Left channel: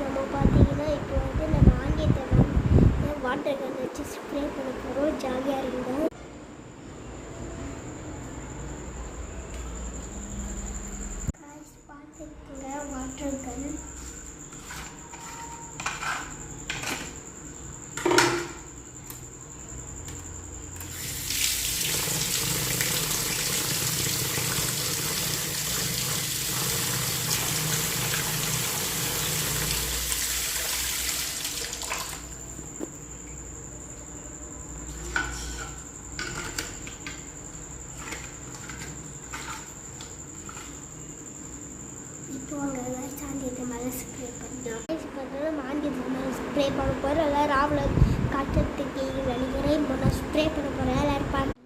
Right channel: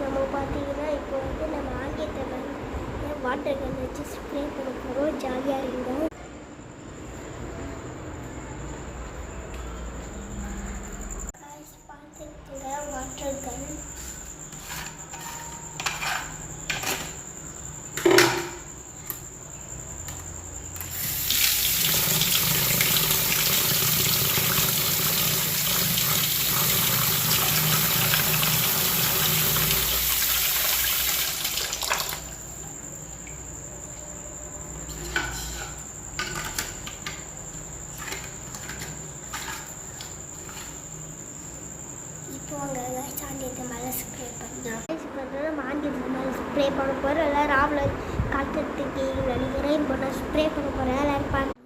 நம்ம பார்த்தீங்கன்னா இப்போ வந்து நம்ம ஆங்கிலத்தில் வாட்டர் கன் வச்சு ஸ்ப்ரே பண்ண போகிறோம். ஜாலியாக இருந்தோம். பார்த்துக்கங்க வாட்டர் கன். சாந்தியத்தை மேலே ஸ்ப்ரே பண்ணோம். மாந்தியத்தை மேலே ஸ்ப்ரே பண்ண போகிறோம். எல்லோரும் ராவில் காட்டுறதுக்கு நினைக்கிறேன். இப்போ நான் ஸ்ப்ரே பண்ண போகிறேன். எல்லோரும் பார்த்து